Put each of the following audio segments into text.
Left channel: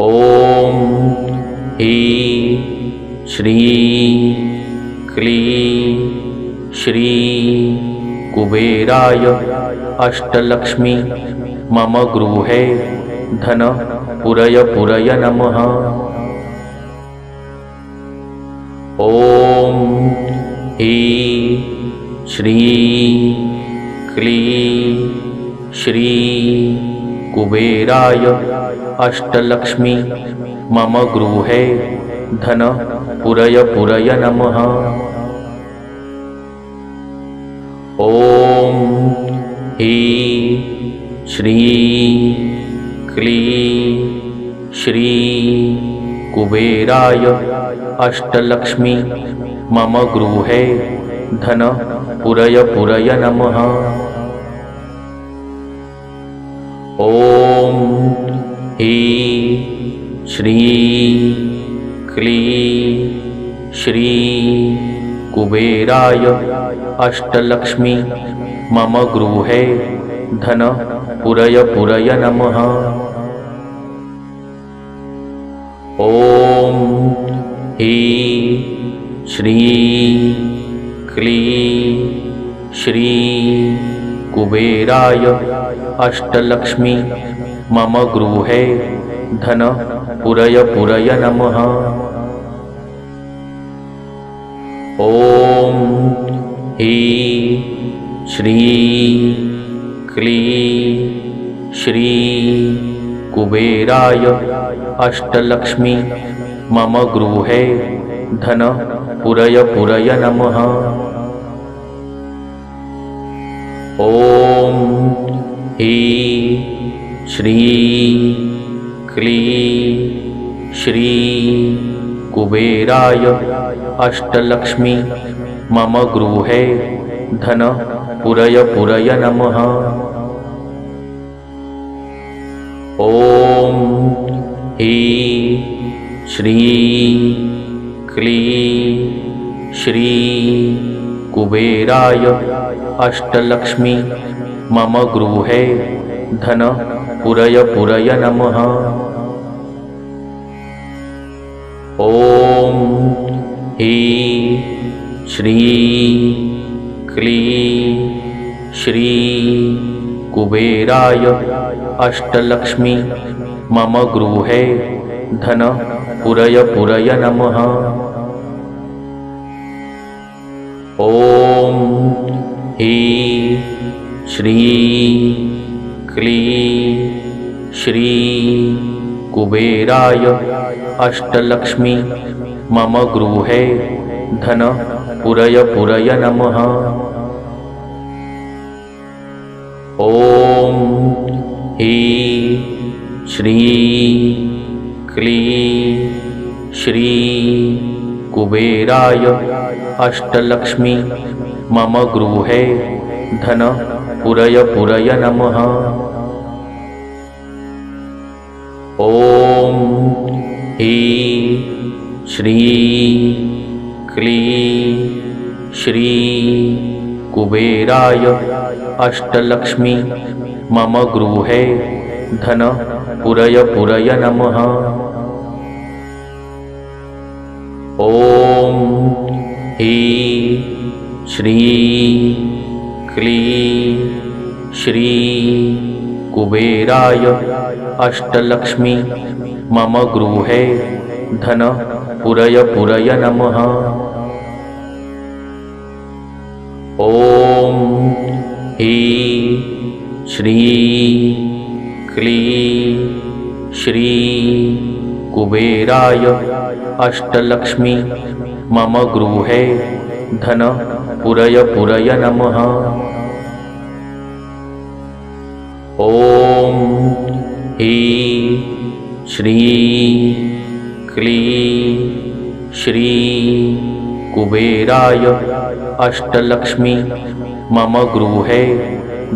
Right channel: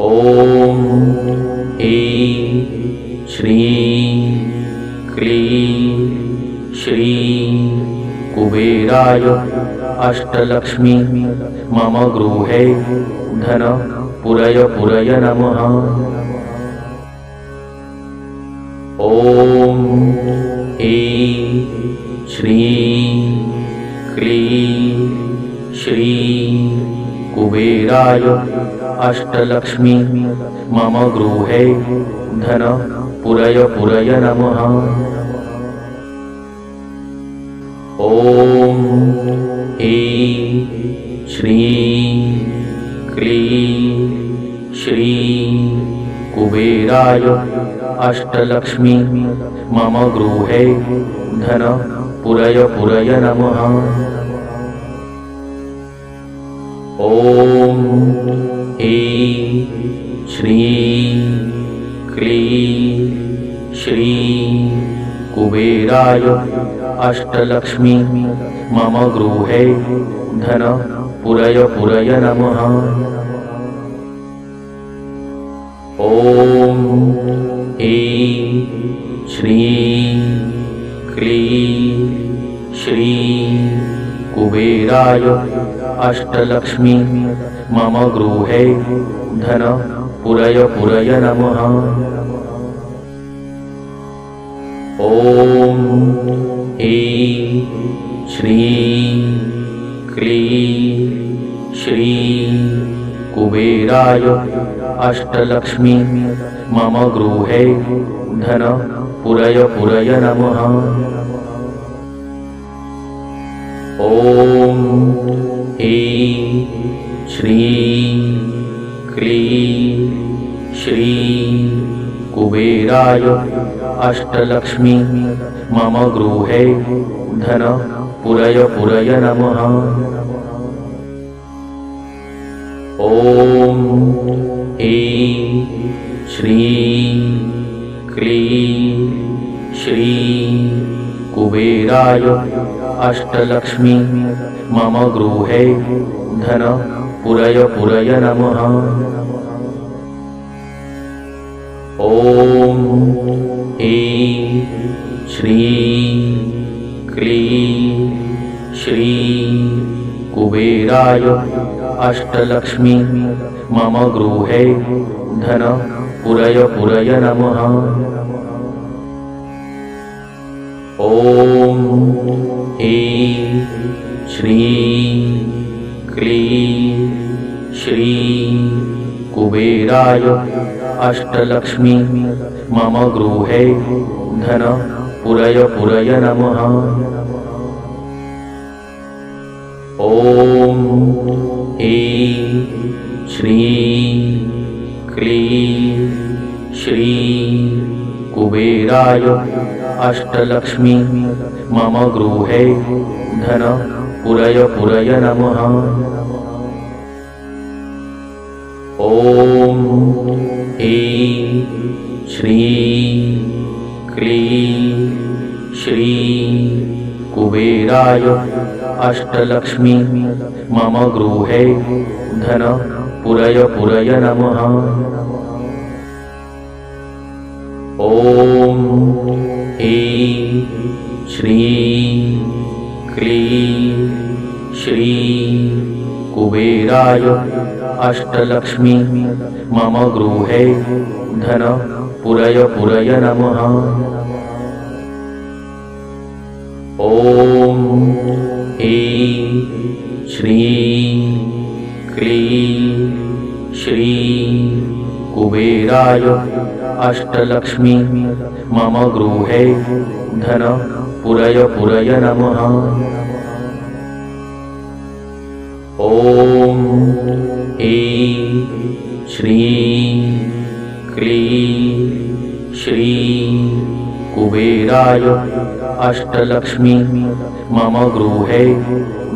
ॐ ऐं श्रीं क्लीं श्रीं कुबेराय अष्टलक्ष्मी मम गृहे धन पुरय पुरय नमः। ॐ ऐं श्रीं क्लीं श्रीं कुबेराय अष्टलक्ष्मी मम गृहे धन पुरय पुरय नमः। ॐ ऐं श्रीं क्लीं श्रीं कुबेराय अष्टलक्ष्मी मम गृहे धन पुरय पुरय नमः। ॐ ऐं श्रीं क्लीं श्रीं कुबेराय अष्टलक्ष्मी मम गृहे धन पुरय पुरय नमः। ॐ ऐं श्रीं क्लीं श्रीं कुबेराय अष्टलक्ष्मी मम गृहे धन पुरय पुरय नमः। ॐ ऐं श्रीं क्लीं श्रीं कुबेराय अष्टलक्ष्मी मम गृहे धन पुरय पुरय नमः। ॐ ऐं श्रीं क्लीं श्रीं कुबेराय अष्टलक्ष्मी मम गृहे धन पुरय पुरय नमः। ॐ ऐं श्रीं क्लीं श्रीं कुबेराय अष्टलक्ष्मी मम गृहे धन पुरय पुरय नमः। ॐ ऐं श्रीं क्लीं श्रीं कुबेराय अष्टलक्ष्मी मम गृहे धन पुरय पुरय नमः। ॐ ऐं श्रीं क्लीं श्रीं कुबेराय अष्टलक्ष्मी मम गृहे धन पुरय पुरय नमः। ॐ ऐं श्रीं क्लीं श्रीं कुबेराय अष्टलक्ष्मी मम गृहे धन पुरय पुरय नमः। ॐ ऐं श्रीं क्लीं श्रीं कुबेराय अष्टलक्ष्मी मम गृहे धन पुरय पुरय नमः। ॐ ऐं श्रीं क्लीं श्रीं कुबेराय अष्टलक्ष्मी मम गृहे धन पुरय पुरय नमः। ॐ ऐं श्रीं क्लीं श्रीं कुबेराय अष्टलक्ष्मी मम गृहे धन पुरय पुरय नमः। ॐ ऐं श्रीं क्लीं श्रीं कुबेराय अष्टलक्ष्मी मम गृहे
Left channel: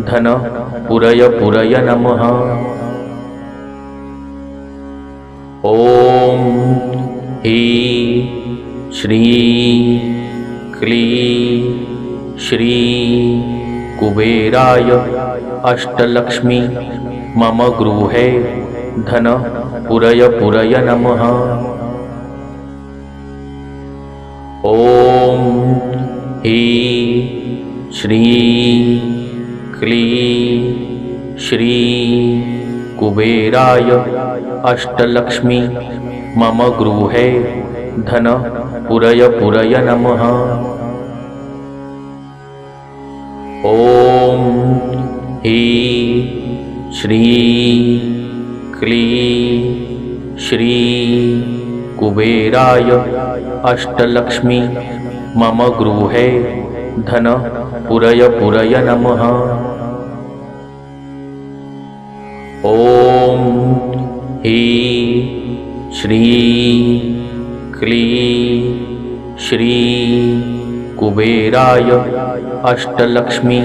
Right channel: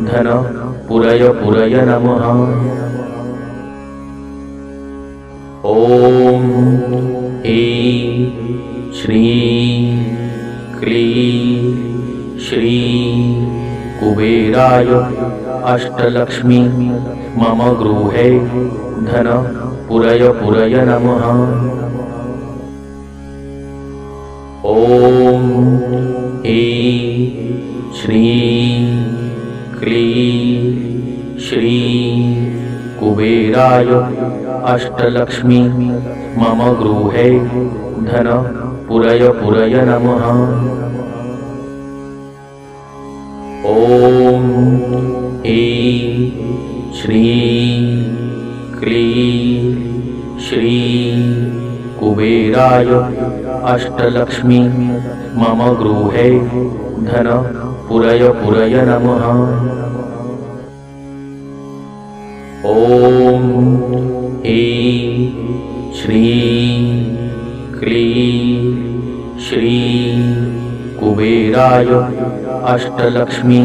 धन पुरय पुरय नमः। ॐ ऐं श्रीं क्लीं श्रीं कुबेराय अष्टलक्ष्मी मम गृहे धन पुरय पुरय नमः। ॐ ह्रीं श्रीं क्लीं श्रीं कुबेराय अष्टलक्ष्मी मम गृहे धन पुरय पुरय नमः। ॐ ह्रीं श्रीं क्लीं श्रीं कुबेराय अष्टलक्ष्मी मम गृहे धन पुरय पुरय नमः। ॐ ह्रीं श्रीं क्लीं श्रीं कुबेराय अष्टलक्ष्मी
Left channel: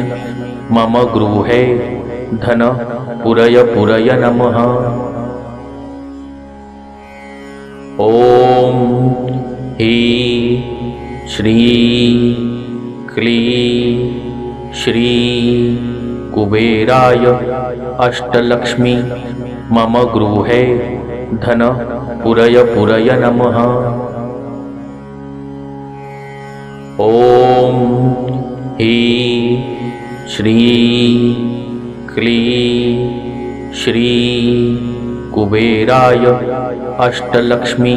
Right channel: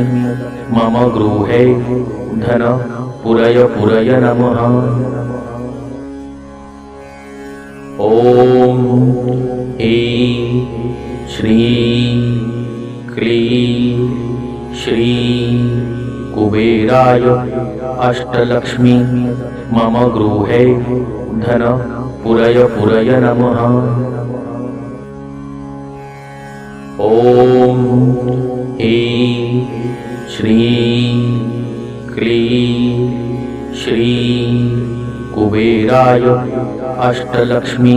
मम गृहे धन पुरय पुरय नमः। ॐ ह्रीं श्रीं क्लीं श्रीं कुबेराय अष्टलक्ष्मी मम गृहे धन पुरय पुरय नमः। ॐ ह्रीं श्रीं क्लीं श्रीं कुबेराय अष्टलक्ष्मी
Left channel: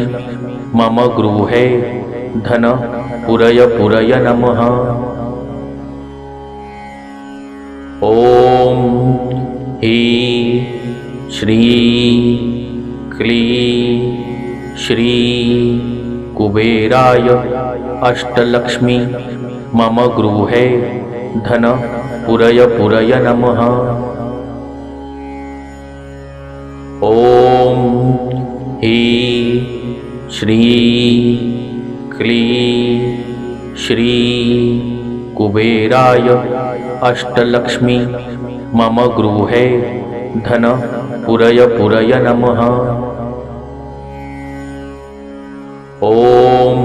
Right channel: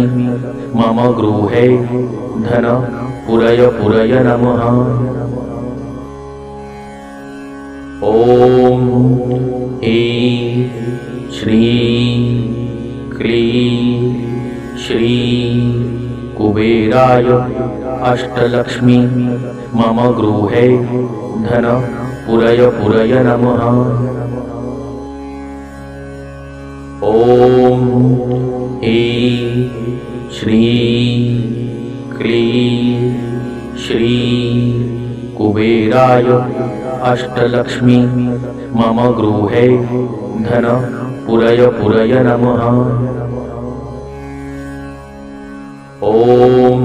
मम गृहे धन पुरय पुरय नमः। ॐ ह्रीं श्रीं क्लीं श्रीं कुबेराय अष्टलक्ष्मी मम गृहे धन पुरय पुरय नमः। ॐ ह्रीं श्रीं क्लीं श्रीं कुबेराय अष्टलक्ष्मी मम गृहे धन पुरय पुरय नमः। ॐ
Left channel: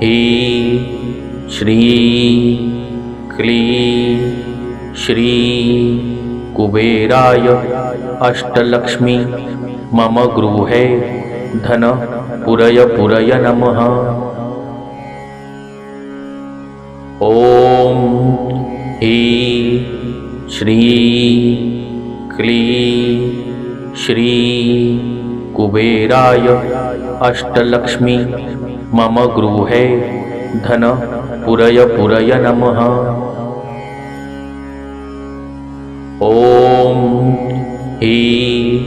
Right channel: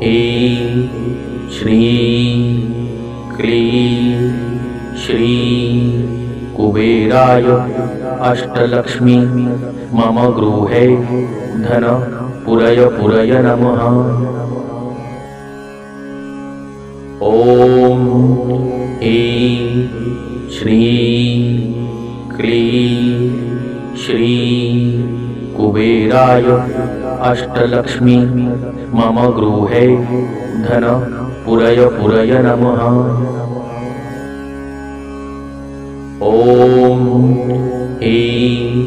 ह्रीं श्रीं क्लीं श्रीं कुबेराय अष्टलक्ष्मी मम गृहे धन पुरय पुरय नमः। ॐ ह्रीं श्रीं क्लीं श्रीं कुबेराय अष्टलक्ष्मी मम गृहे धन पुरय पुरय नमः। ॐ ह्रीं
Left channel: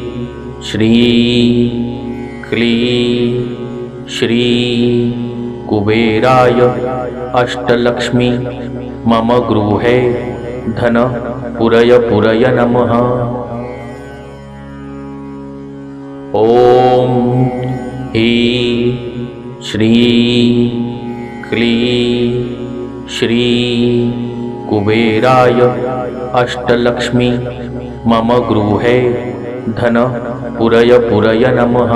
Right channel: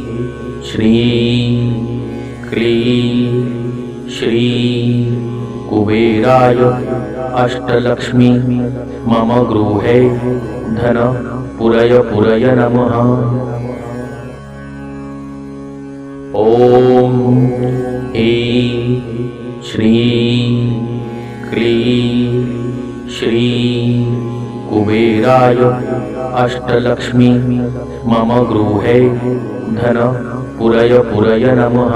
श्रीं क्लीं श्रीं कुबेराय अष्टलक्ष्मी मम गृहे धन पुरय पुरय नमः। ॐ ह्रीं श्रीं क्लीं श्रीं कुबेराय अष्टलक्ष्मी मम गृहे धन पुरय पुरय नमः।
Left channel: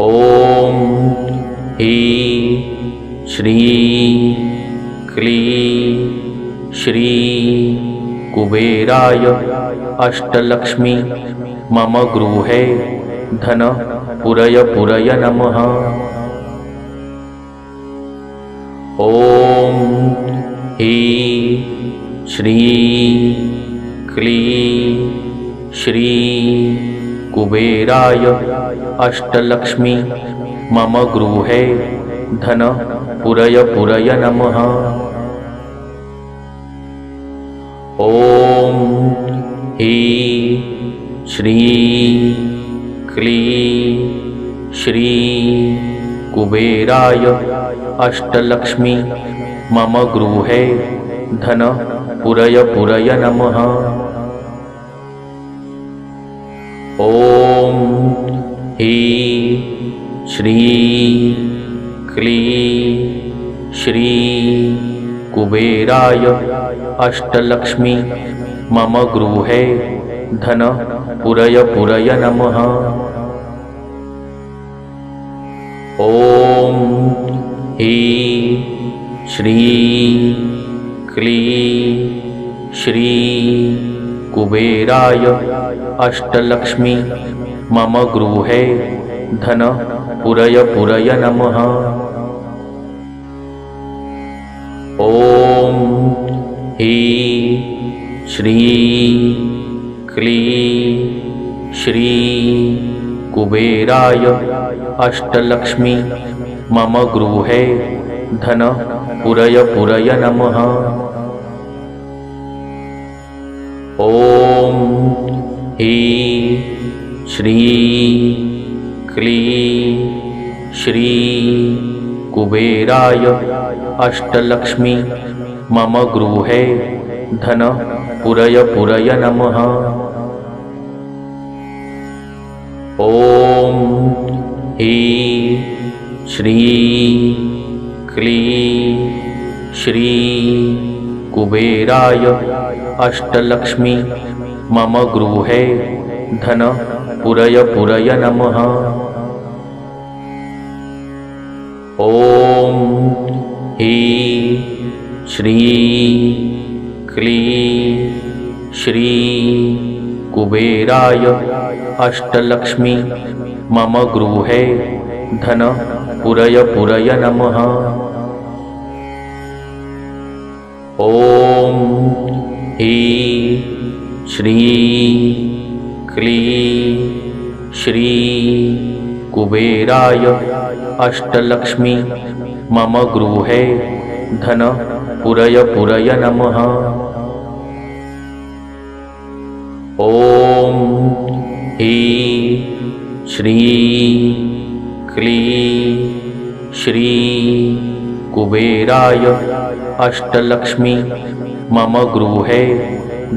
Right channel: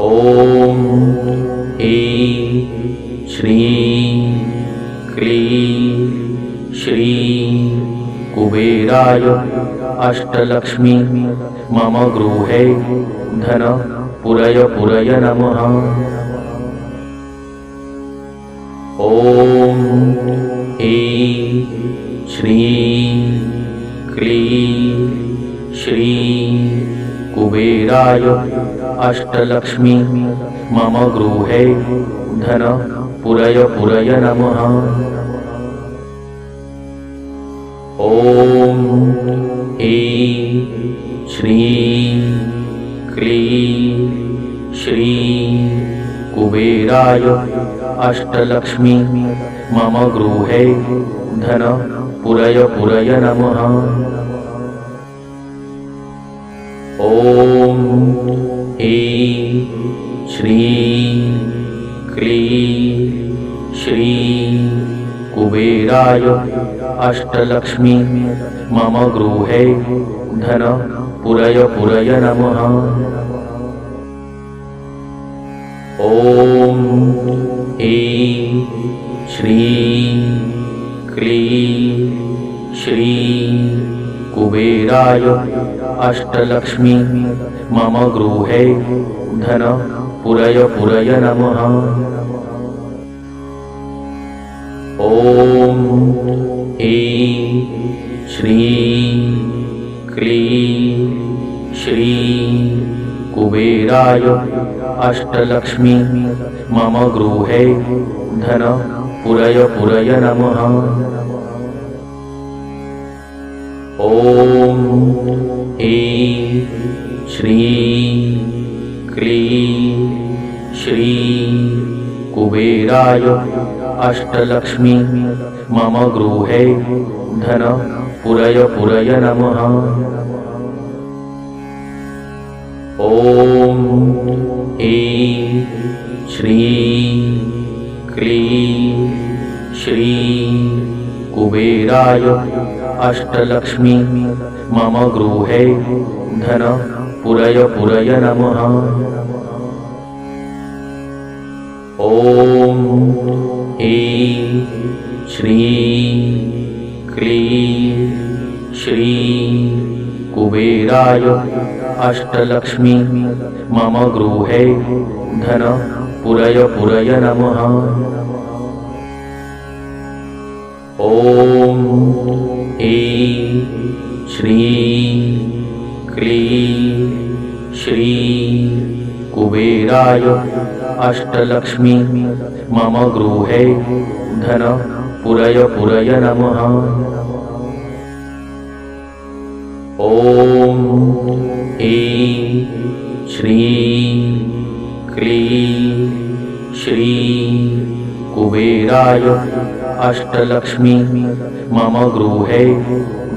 ॐ ह्रीं श्रीं क्लीं श्रीं कुबेराय अष्टलक्ष्मी मम गृहे धन पुरय पुरय नमः। ॐ ह्रीं श्रीं क्लीं श्रीं कुबेराय अष्टलक्ष्मी मम गृहे धन पुरय पुरय नमः। ॐ ह्रीं श्रीं क्लीं श्रीं कुबेराय अष्टलक्ष्मी मम गृहे धन पुरय पुरय नमः। ॐ ह्रीं श्रीं क्लीं श्रीं कुबेराय अष्टलक्ष्मी मम गृहे धन पुरय पुरय नमः। ॐ ह्रीं श्रीं क्लीं श्री कुबेराय अष्टलक्ष्मी मम गृहे धन पुरय पुरय नमः। ॐ ह्रीं श्रीं क्लीं श्री कुबेराय अष्टलक्ष्मी मम गृहे धन पुरय पुरय नमः। ॐ ह्रीं श्रीं क्लीं श्री कुबेराय अष्टलक्ष्मी मम गृहे धन पुरय पुरय नमः। ॐ ह्रीं श्रीं क्लीं श्री कुबेराय अष्टलक्ष्मी मम गृहे धन पुरय पुरय नमः। ॐ ह्रीं श्रीं क्लीं श्री कुबेराय अष्टलक्ष्मी मम गृहे धन पुरय पुरय नमः। ॐ ह्रीं श्रीं क्लीं श्री कुबेराय अष्टलक्ष्मी मम गृहे धन पुरय पुरय नमः। ॐ ह्रीं श्रीं क्लीं श्री कुबेराय अष्टलक्ष्मी मम गृहे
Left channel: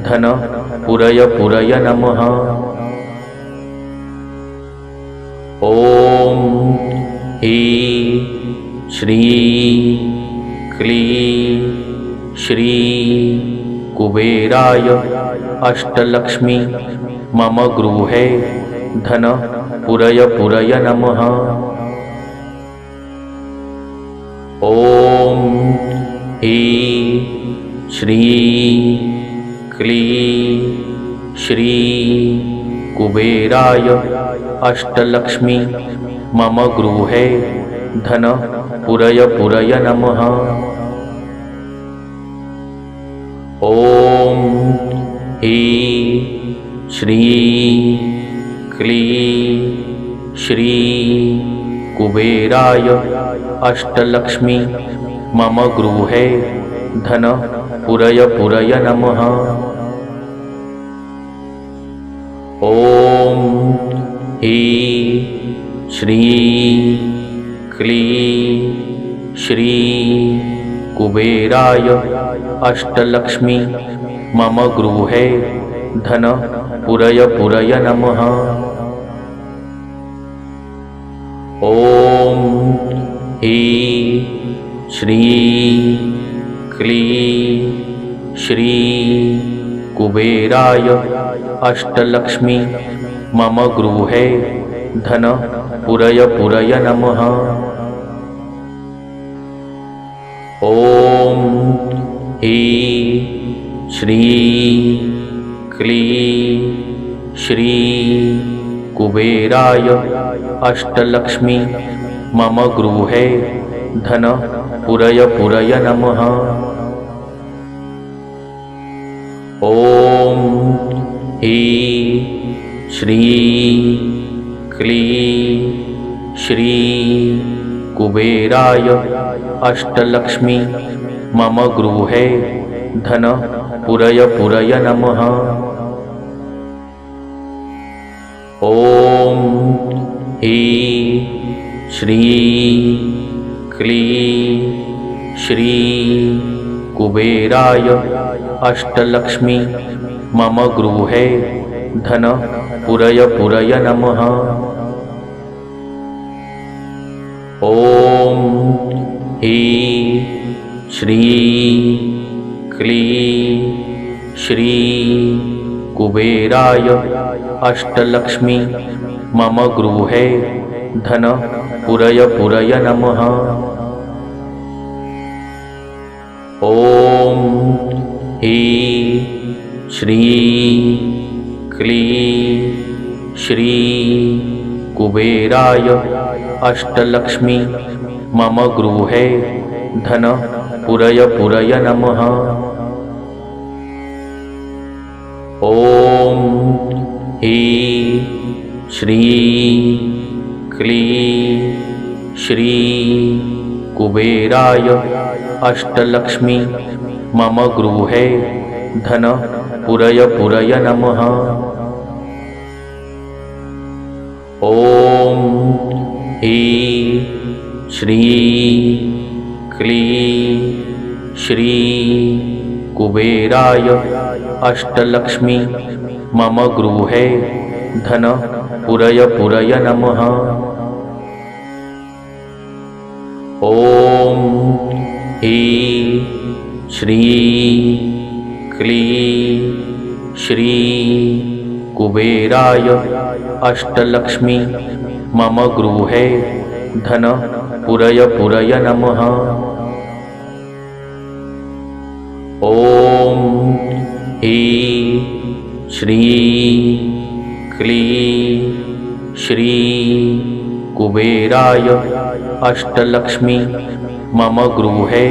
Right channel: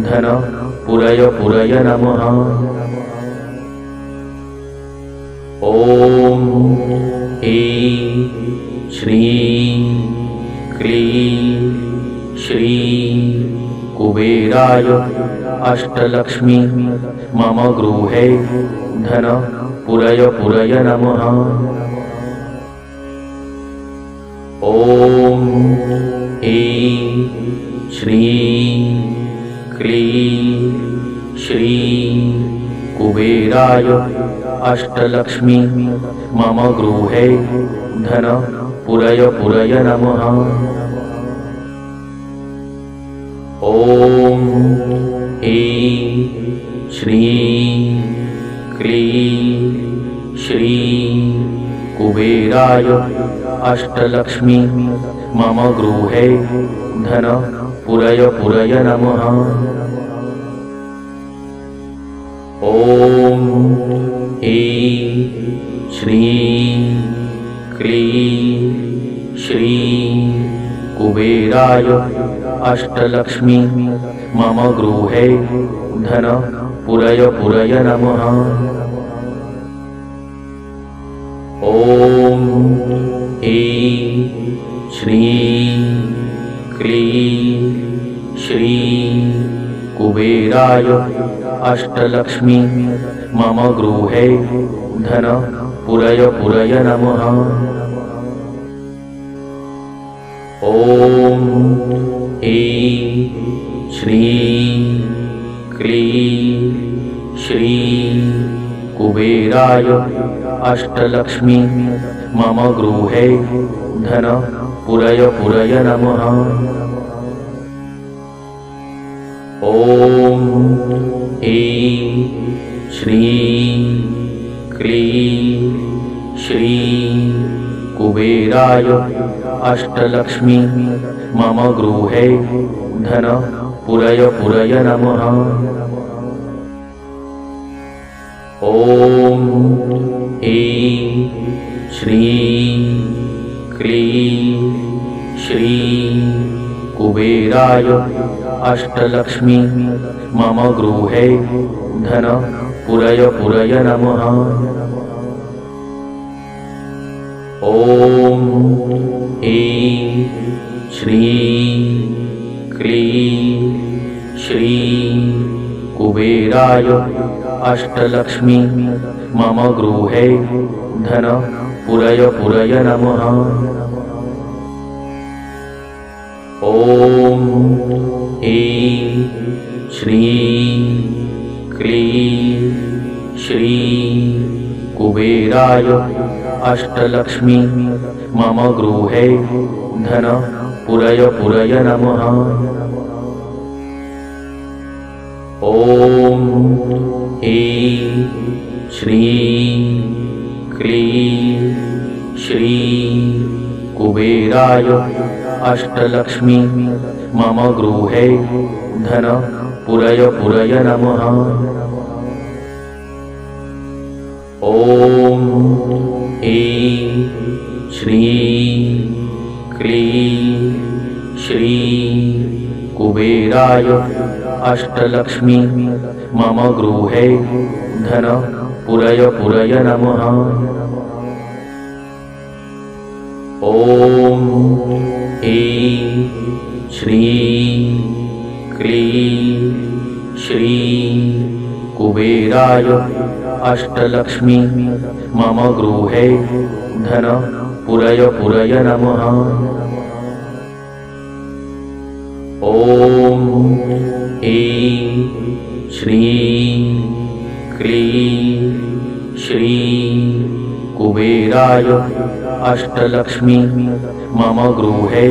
धन पुरय पुरय नमः। ॐ ह्रीं श्रीं क्लीं श्री कुबेराय अष्टलक्ष्मी मम गृहे धन पुरय पुरय नमः। ॐ ह्रीं श्रीं क्लीं श्री कुबेराय अष्टलक्ष्मी मम गृहे धन पुरय पुरय नमः। ॐ ह्रीं श्रीं क्लीं श्री कुबेराय अष्टलक्ष्मी मम गृहे धन पुरय पुरय नमः। ॐ ह्रीं श्रीं क्लीं श्री कुबेराय अष्टलक्ष्मी मम गृहे धन पुरय पुरय नमः। ॐ ह्रीं श्रीं क्लीं श्री कुबेराय अष्टलक्ष्मी मम गृहे धन पुरय पुरय नमः। ॐ ह्रीं श्रीं क्लीं श्री कुबेराय अष्टलक्ष्मी मम गृहे धन पुरय पुरय नमः। ॐ ह्रीं श्रीं क्लीं श्री कुबेराय अष्टलक्ष्मी मम गृहे धन पुरय पुरय नमः। ॐ ह्रीं श्रीं क्लीं श्री कुबेराय अष्टलक्ष्मी मम गृहे धन पुरय पुरय नमः। ॐ ह्रीं श्रीं क्लीं श्री कुबेराय अष्टलक्ष्मी मम गृहे धन पुरय पुरय नमः। ॐ श्री क्ली श्री कुबेराय अष्टलक्ष्मी मम गृहे धन पुरय पुरय नमः। ॐ श्री क्ली श्री कुबेराय अष्टलक्ष्मी मम गृहे धन पुरय पुरय नमः। ॐ श्री क्ली श्री कुबेराय अष्टलक्ष्मी मम गृहे धन पुरय पुरय नमः। ॐ श्री क्ली श्री कुबेराय अष्टलक्ष्मी मम गृहे धन पुरय पुरय नमः। ॐ श्री क्ली श्री कुबेराय अष्टलक्ष्मी मम गृहे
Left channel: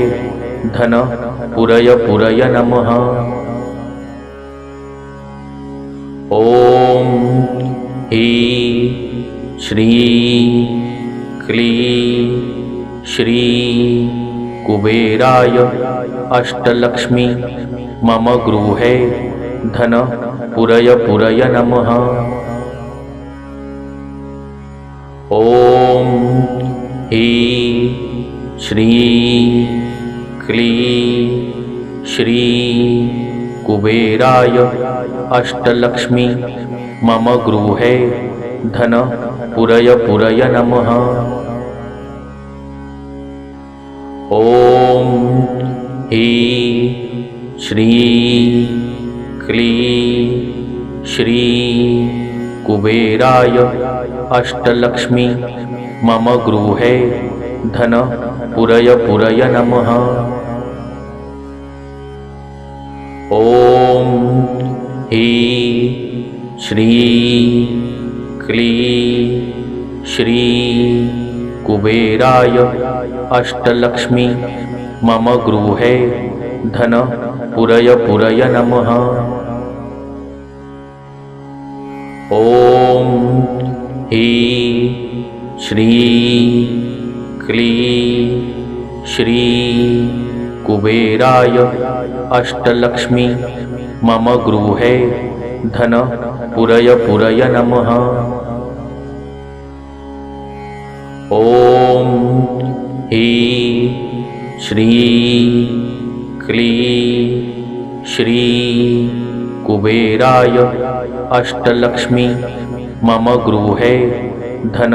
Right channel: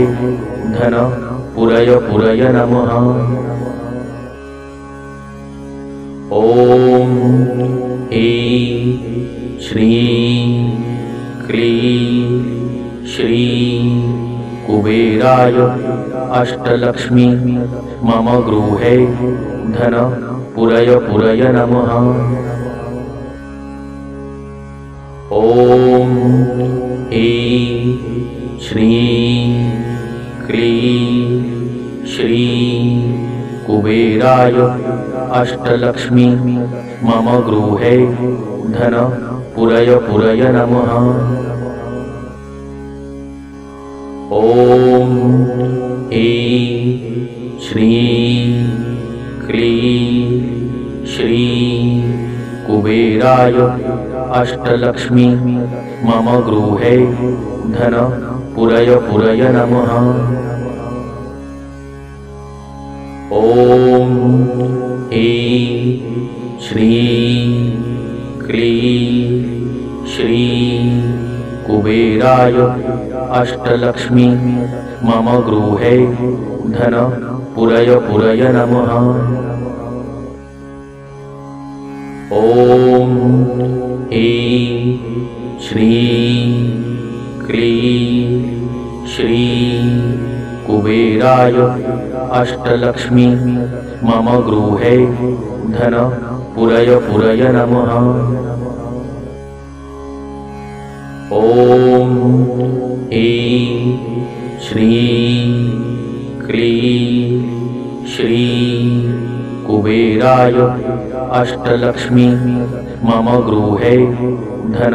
धन पुरय पुरय नमः। ॐ श्री क्ली श्री कुबेराय अष्टलक्ष्मी मम गृहे धन पुरय पुरय नमः। ॐ श्री क्ली श्री कुबेराय अष्टलक्ष्मी मम गृहे धन पुरय पुरय नमः। ॐ श्री क्ली श्री कुबेराय अष्टलक्ष्मी मम गृहे धन पुरय पुरय नमः। ॐ श्री क्ली श्री कुबेराय अष्टलक्ष्मी मम गृहे धन पुरय पुरय नमः। ॐ श्री क्ली श्री कुबेराय अष्टलक्ष्मी मम गृहे धन पुरय पुरय नमः। ॐ श्री क्ली श्री कुबेराय अष्टलक्ष्मी मम गृहे धन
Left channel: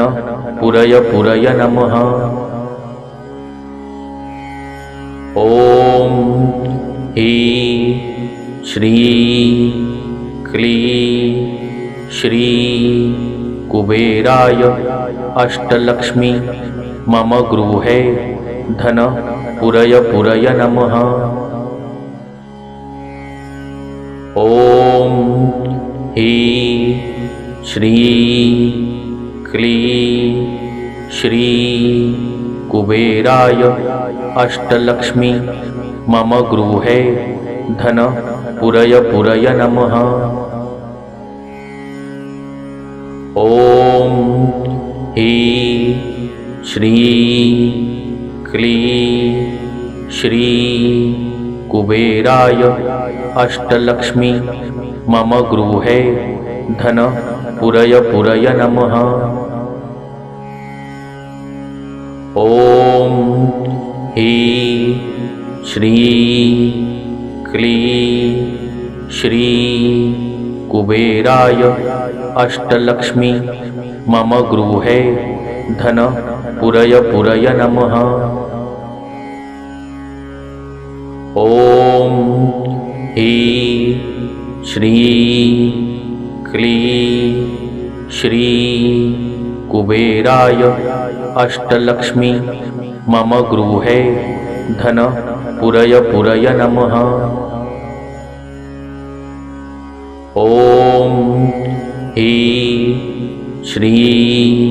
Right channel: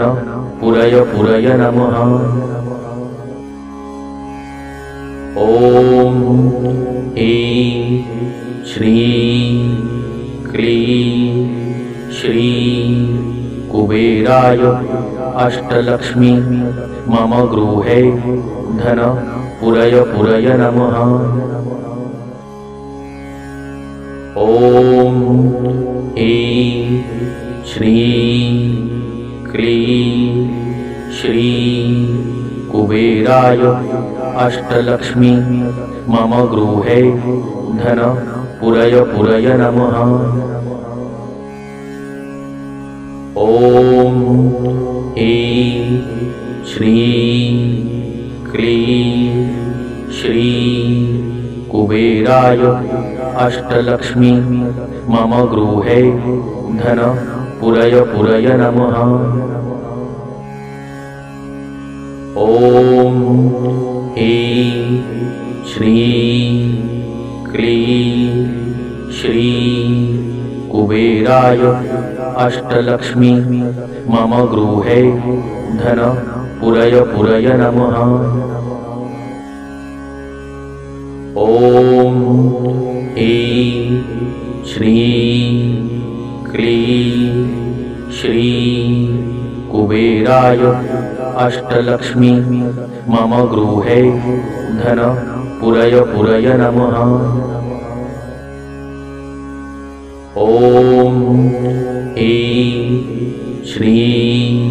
पुरय पुरय नमः। ॐ श्री क्ली श्री कुबेराय अष्टलक्ष्मी मम गृहे धन पुरय पुरय नमः। ॐ श्री क्ली श्री कुबेराय अष्टलक्ष्मी मम गृहे धन पुरय पुरय नमः। ॐ श्री क्ली श्री कुबेराय अष्टलक्ष्मी मम गृहे धन पुरय पुरय नमः। ॐ श्री क्ली श्री कुबेराय अष्टलक्ष्मी मम गृहे धन पुरय पुरय नमः। ॐ श्री क्ली श्री कुबेराय अष्टलक्ष्मी मम गृहे धन पुरय पुरय नमः। ॐ ह्रीं श्रीं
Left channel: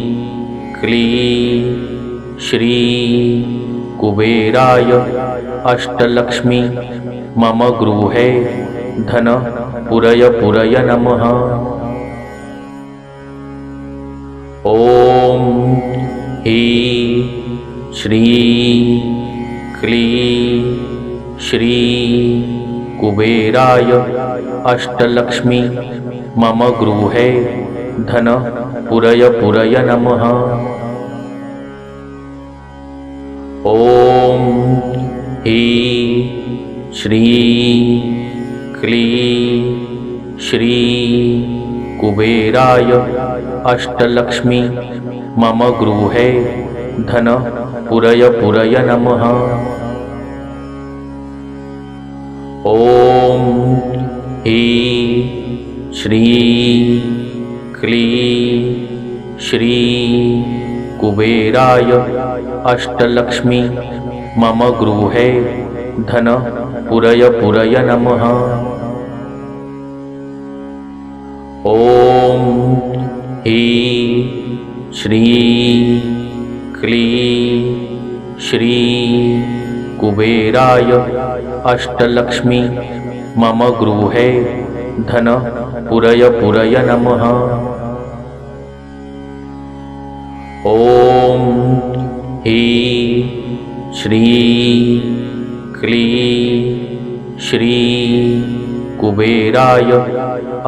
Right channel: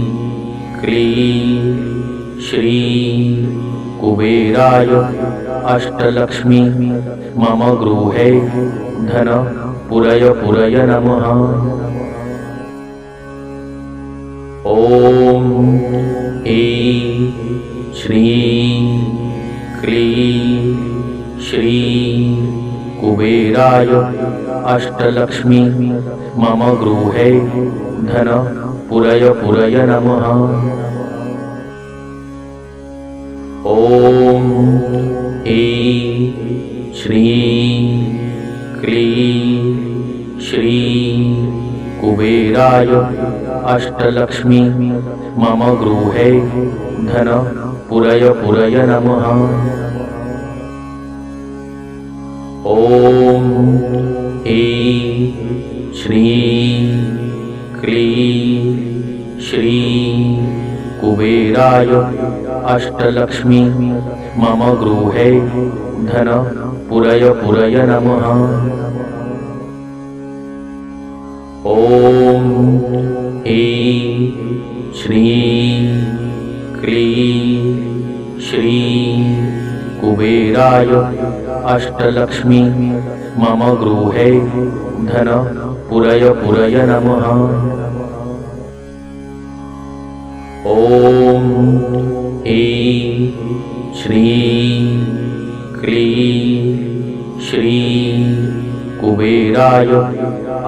क्लीं श्रीं कुबेराय अष्टलक्ष्मी मम गृहे धन पुरय पुरय नमः। ॐ ह्रीं श्रीं क्लीं श्रीं कुबेराय अष्टलक्ष्मी मम गृहे धन पुरय पुरय नमः। ॐ ह्रीं श्रीं क्लीं श्रीं कुबेराय अष्टलक्ष्मी मम गृहे धन पुरय पुरय नमः। ॐ ह्रीं श्रीं क्लीं श्रीं कुबेराय अष्टलक्ष्मी मम गृहे धन पुरय पुरय नमः। ॐ ह्रीं श्रीं क्लीं श्रीं कुबेराय अष्टलक्ष्मी मम गृहे धन पुरय पुरय नमः। ॐ ह्रीं श्रीं क्लीं श्रीं कुबेराय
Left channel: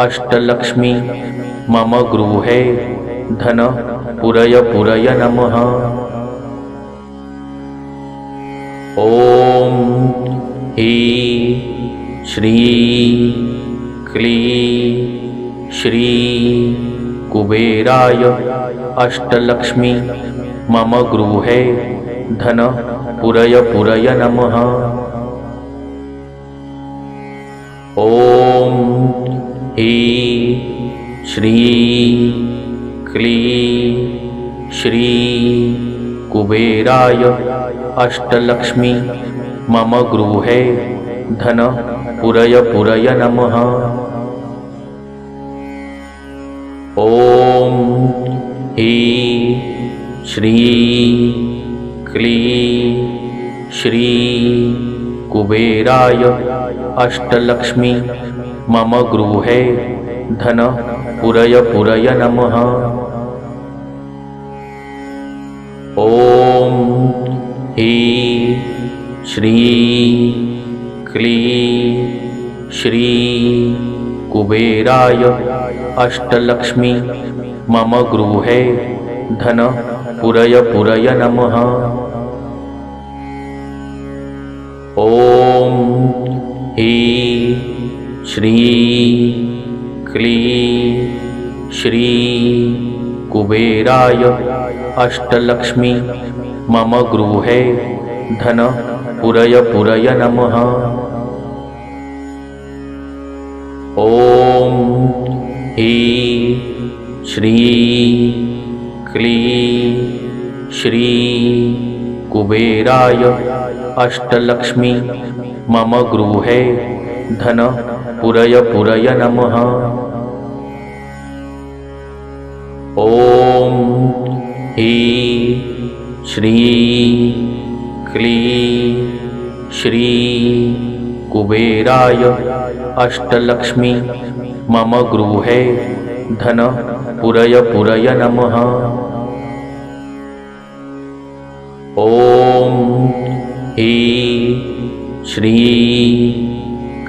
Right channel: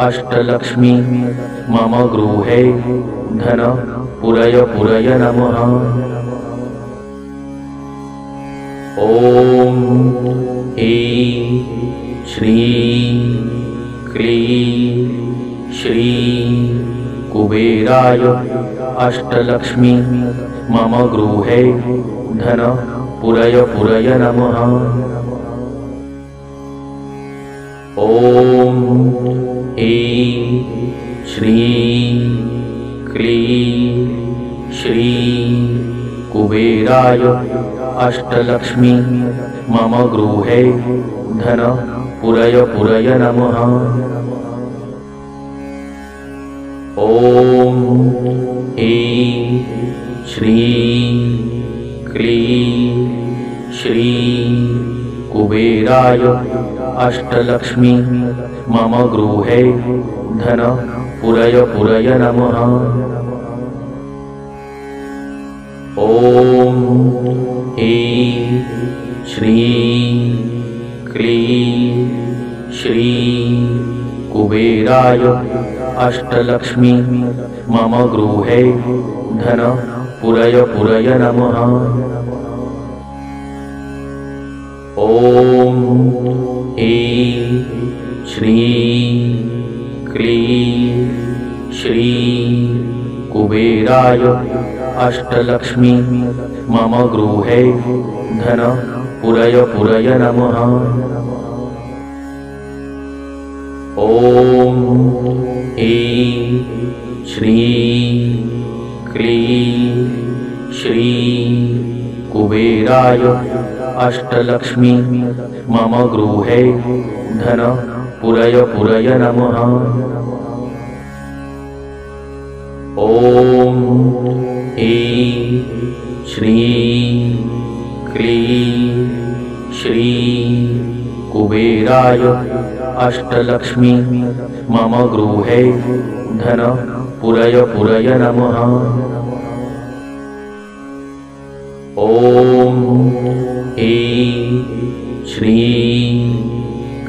अष्टलक्ष्मी मम गृहे धन पुरय पुरय नमः। ॐ ह्रीं श्रीं क्लीं श्रीं कुबेराय अष्टलक्ष्मी मम गृहे धन पुरय पुरय नमः। ॐ ह्रीं श्रीं क्लीं श्रीं कुबेराय अष्टलक्ष्मी मम गृहे धन पुरय पुरय नमः। ॐ ह्रीं श्रीं क्लीं श्रीं कुबेराय अष्टलक्ष्मी मम गृहे धन पुरय पुरय नमः। ॐ ह्रीं श्रीं क्लीं श्रीं कुबेराय अष्टलक्ष्मी मम गृहे धन पुरय पुरय नमः। ॐ ह्रीं श्रीं क्लीं श्रीं कुबेराय अष्टलक्ष्मी मम गृहे धन पुरय पुरय नमः। ॐ ह्रीं श्रीं क्लीं श्रीं कुबेराय अष्टलक्ष्मी मम गृहे धन पुरय पुरय नमः। ॐ ह्रीं श्रीं क्लीं श्रीं कुबेराय अष्टलक्ष्मी मम गृहे धन पुरय पुरय नमः। ॐ ह्रीं श्रीं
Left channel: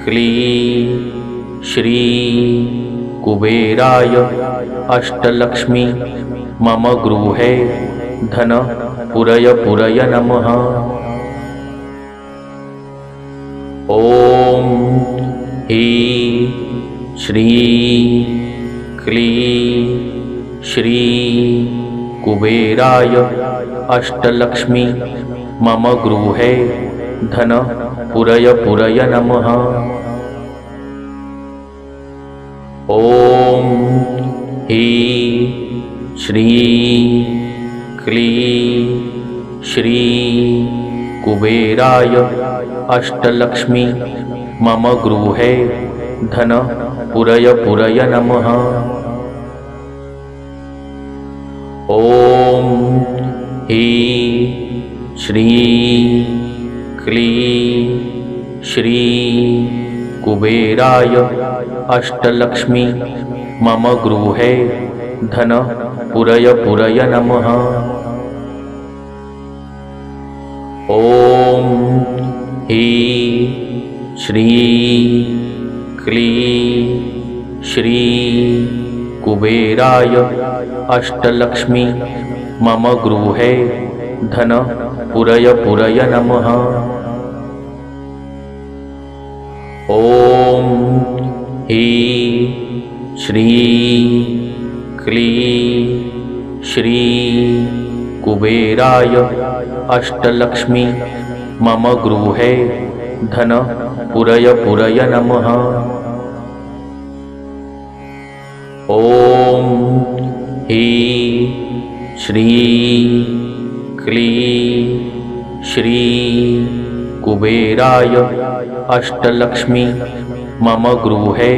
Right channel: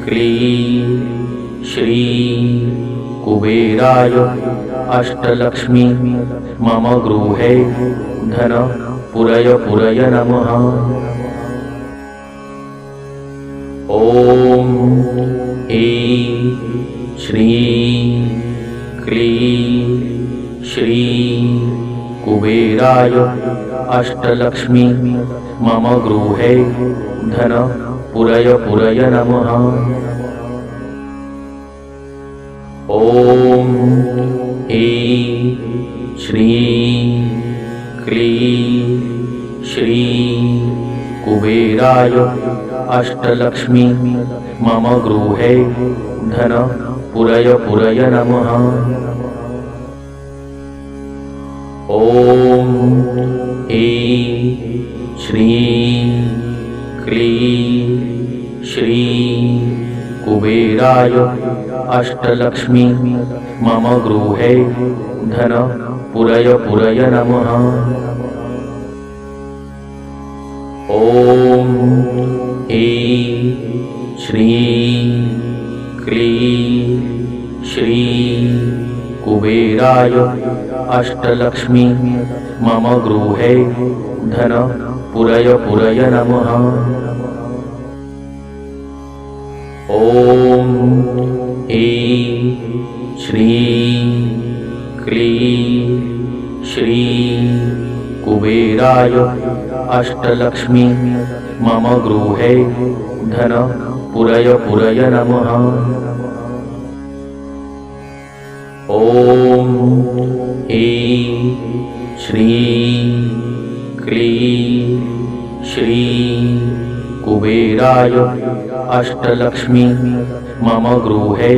क्लीं श्रीं कुबेराय अष्टलक्ष्मी मम गृहे धन पुरय पुरय नमः। ॐ ह्रीं श्रीं क्लीं श्रीं कुबेराय अष्टलक्ष्मी मम गृहे धन पुरय पुरय नमः। ॐ ह्रीं श्रीं क्लीं श्रीं कुबेराय अष्टलक्ष्मी मम गृहे धन पुरय पुरय नमः। ॐ ह्रीं श्रीं क्लीं श्रीं कुबेराय अष्टलक्ष्मी मम गृहे धन पुरय पुरय नमः। ॐ ह्रीं श्रीं क्लीं श्रीं कुबेराय अष्टलक्ष्मी मम गृहे धन पुरय पुरय नमः। ॐ ह्रीं श्रीं क्लीं श्रीं कुबेराय अष्टलक्ष्मी मम गृहे धन पुरय पुरय नमः। ॐ ह्रीं श्रीं क्लीं श्रीं कुबेराय अष्टलक्ष्मी मम गृहे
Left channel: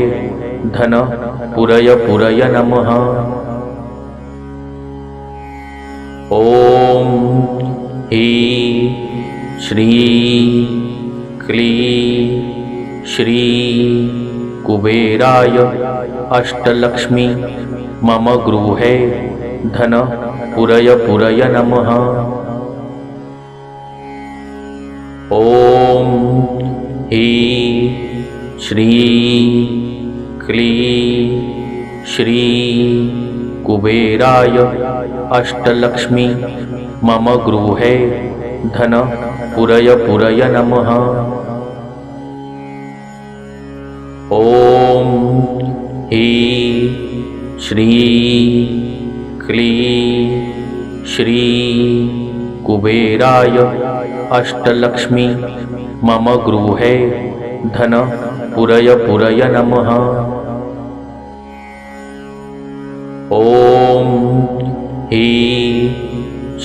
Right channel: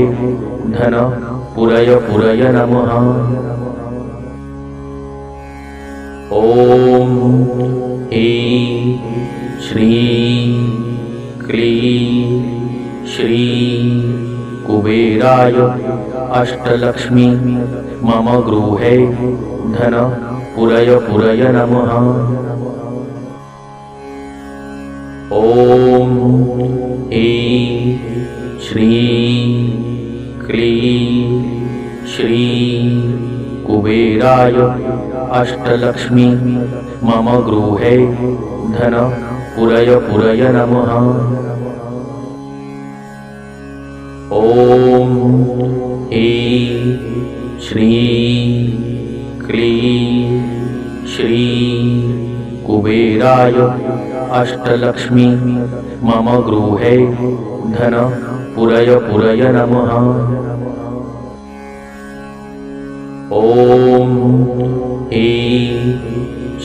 धन पुरय पुरय नमः। ॐ ह्रीं श्रीं क्लीं श्रीं कुबेराय अष्टलक्ष्मी मम गृहे धन पुरय पुरय नमः। ॐ ह्रीं श्रीं क्लीं श्रीं कुबेराय अष्टलक्ष्मी मम गृहे धन पुरय पुरय नमः। ॐ ह्रीं श्रीं क्लीं श्रीं कुबेराय अष्टलक्ष्मी मम गृहे धन पुरय पुरय नमः। ॐ ह्रीं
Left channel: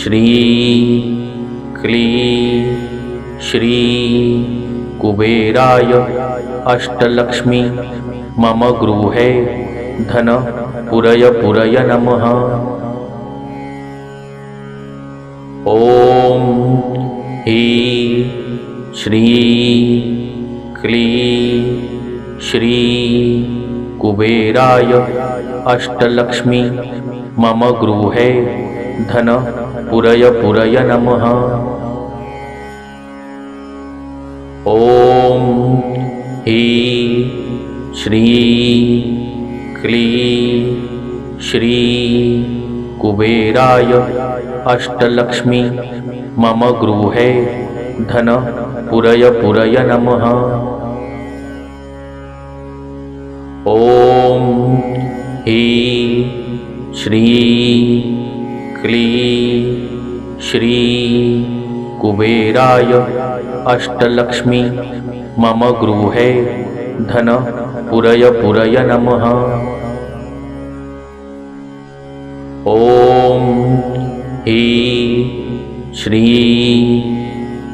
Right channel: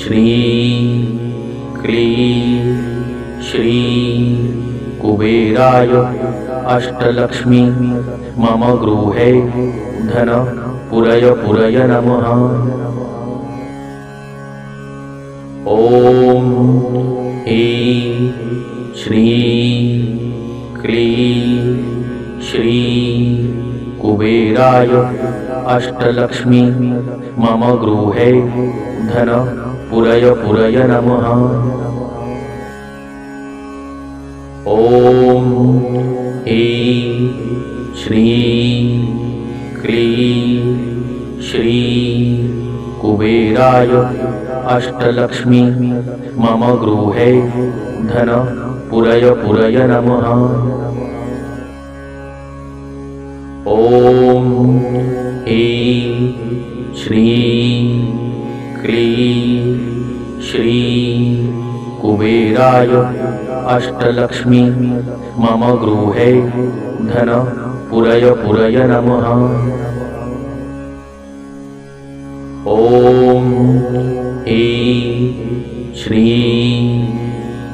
श्रीं क्लीं श्रीं कुबेराय अष्टलक्ष्मी मम गृहे धन पुरय पुरय नमः। ॐ ह्रीं श्रीं क्लीं श्रीं कुबेराय अष्टलक्ष्मी मम गृहे धन पुरय पुरय नमः। ॐ ह्रीं श्रीं क्लीं श्रीं कुबेराय अष्टलक्ष्मी मम गृहे धन पुरय पुरय नमः। ॐ ह्रीं श्रीं क्लीं श्रीं कुबेराय अष्टलक्ष्मी मम गृहे धन पुरय पुरय नमः। ॐ ह्रीं श्रीं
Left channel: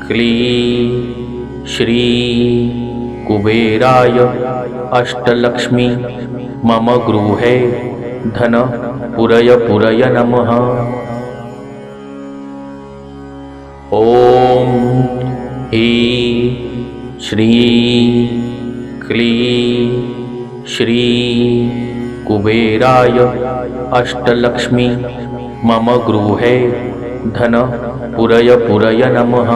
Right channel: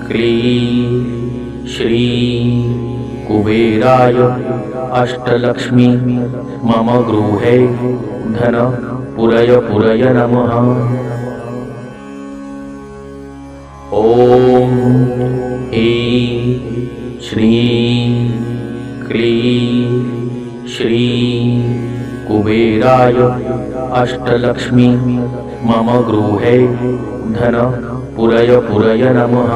क्लीं श्रीं कुबेराय अष्टलक्ष्मी मम गृहे धन पुरय पुरय नमः। ॐ ह्रीं श्रीं क्लीं श्रीं कुबेराय अष्टलक्ष्मी मम गृहे धन पुरय पुरय नमः।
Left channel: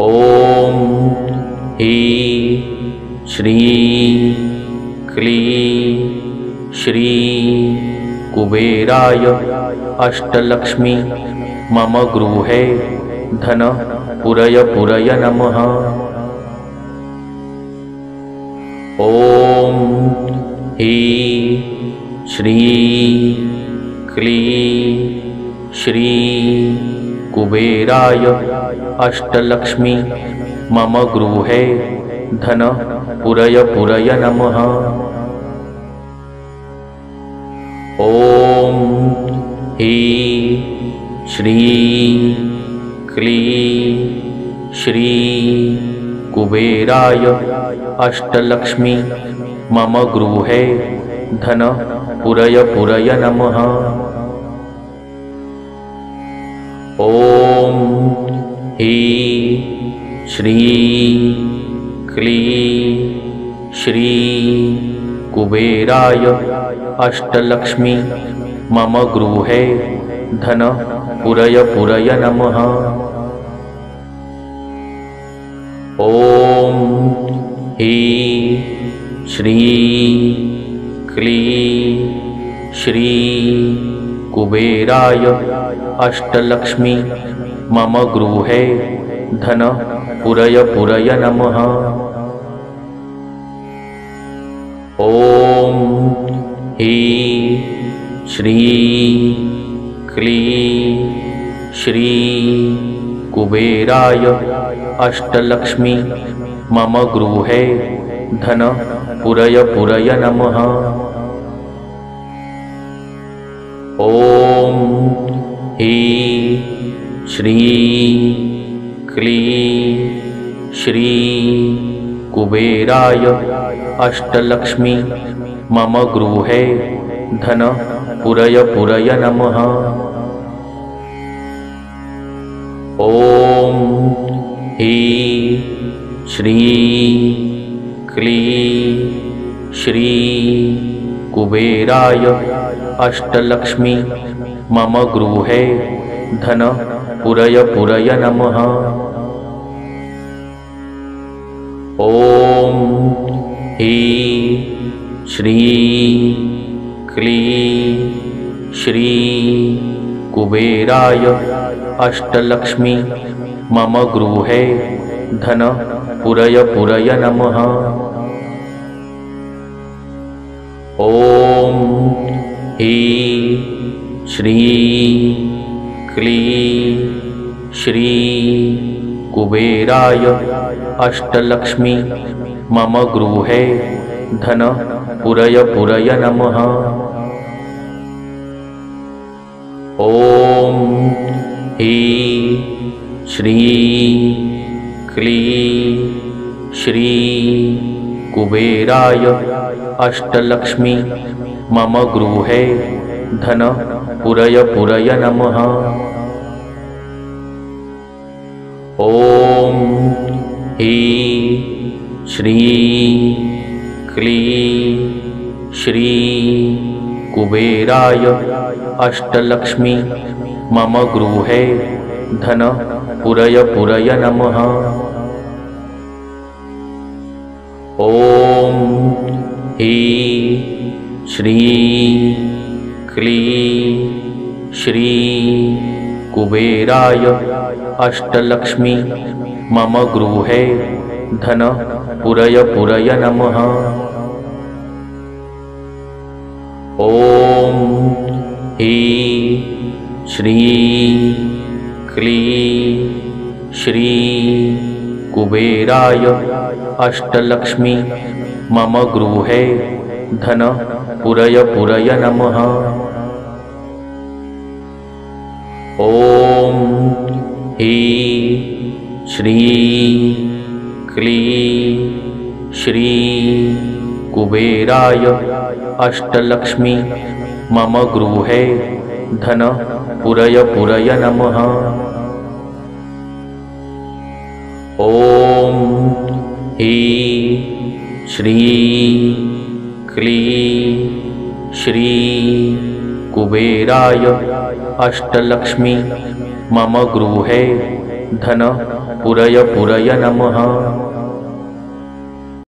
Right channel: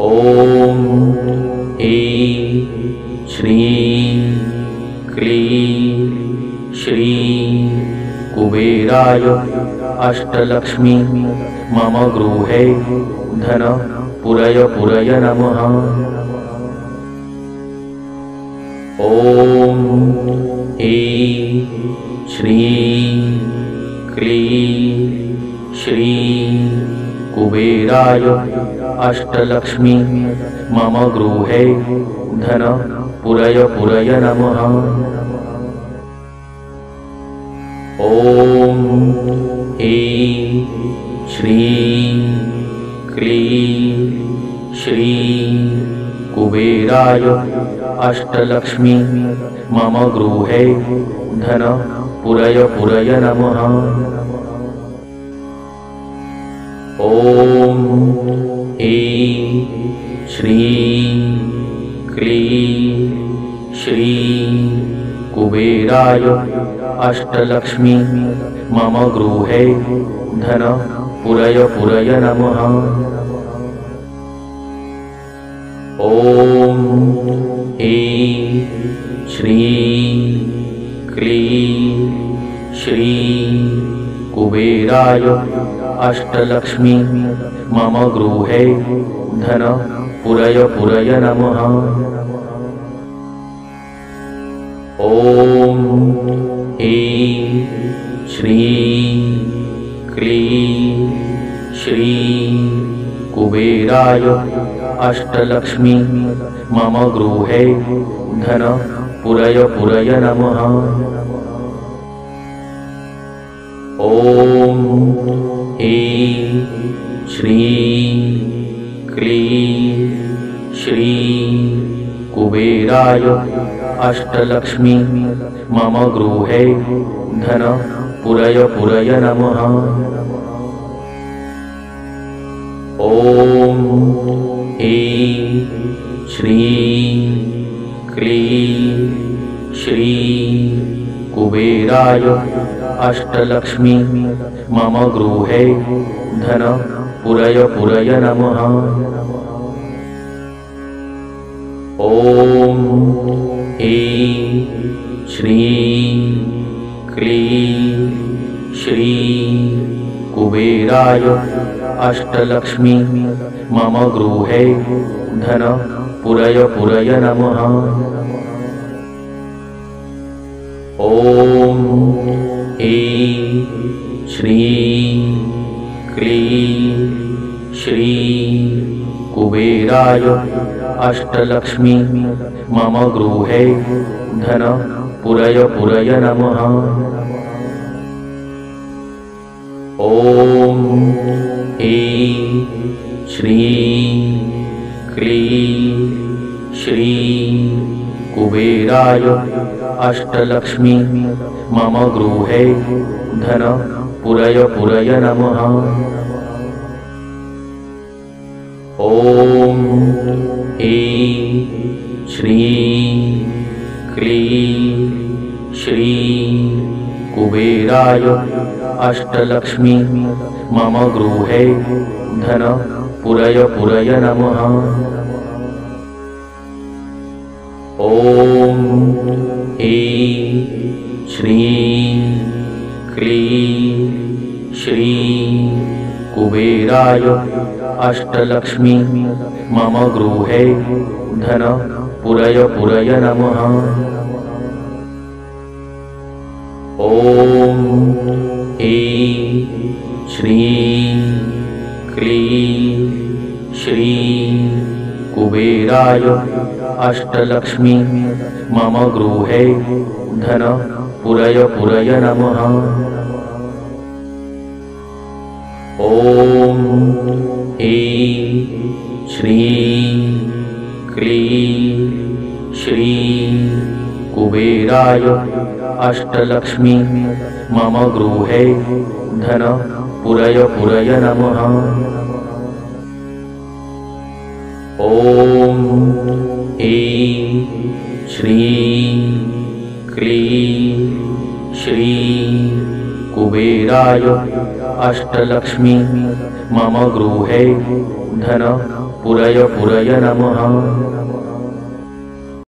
ॐ ह्रीं श्रीं क्लीं श्रीं कुबेराय अष्टलक्ष्मी मम गृहे धन पुरय पुरय नमः। ॐ ह्रीं श्रीं क्लीं श्रीं कुबेराय अष्टलक्ष्मी मम गृहे धन पुरय पुरय नमः। ॐ ह्रीं श्रीं क्लीं श्रीं कुबेराय अष्टलक्ष्मी मम गृहे धन पुरय पुरय नमः। ॐ ह्रीं श्रीं क्लीं श्रीं कुबेराय अष्टलक्ष्मी मम गृहे धन पुरय पुरय नमः। ॐ ह्रीं श्रीं क्लीं श्रीं कुबेराय अष्टलक्ष्मी मम गृहे धन पुरय पुरय नमः। ॐ ह्रीं श्रीं क्लीं श्रीं कुबेराय अष्टलक्ष्मी मम गृहे धन पुरय पुरय नमः। ॐ ह्रीं श्रीं क्लीं श्रीं कुबेराय अष्टलक्ष्मी मम गृहे धन पुरय पुरय नमः। ॐ ह्रीं श्रीं क्लीं श्रीं कुबेराय अष्टलक्ष्मी मम गृहे धन पुरय पुरय नमः। ॐ ह्रीं श्रीं क्लीं श्रीं कुबेराय अष्टलक्ष्मी मम गृहे धन पुरय पुरय नमः। ॐ ह्रीं श्रीं क्लीं श्रीं कुबेराय अष्टलक्ष्मी मम गृहे धन पुरय पुरय नमः। ॐ ह्रीं श्रीं क्लीं श्रीं कुबेराय अष्टलक्ष्मी मम गृहे धन पुरय पुरय नमः। ॐ ह्रीं श्रीं क्लीं श्रीं कुबेराय अष्टलक्ष्मी मम गृहे धन पुरय पुरय नमः। ॐ ह्रीं श्रीं क्लीं श्रीं कुबेराय अष्टलक्ष्मी मम गृहे धन पुरय पुरय नमः। ॐ ह्रीं श्रीं क्लीं श्रीं कुबेराय अष्टलक्ष्मी मम गृहे धन पुरय पुरय नमः। ॐ ह्रीं श्रीं क्लीं श्रीं कुबेराय अष्टलक्ष्मी मम गृहे धन पुरय पुरय नमः। ॐ ह्रीं श्रीं क्लीं श्रीं कुबेराय अष्टलक्ष्मी मम गृहे धन पुरय पुरय नमः।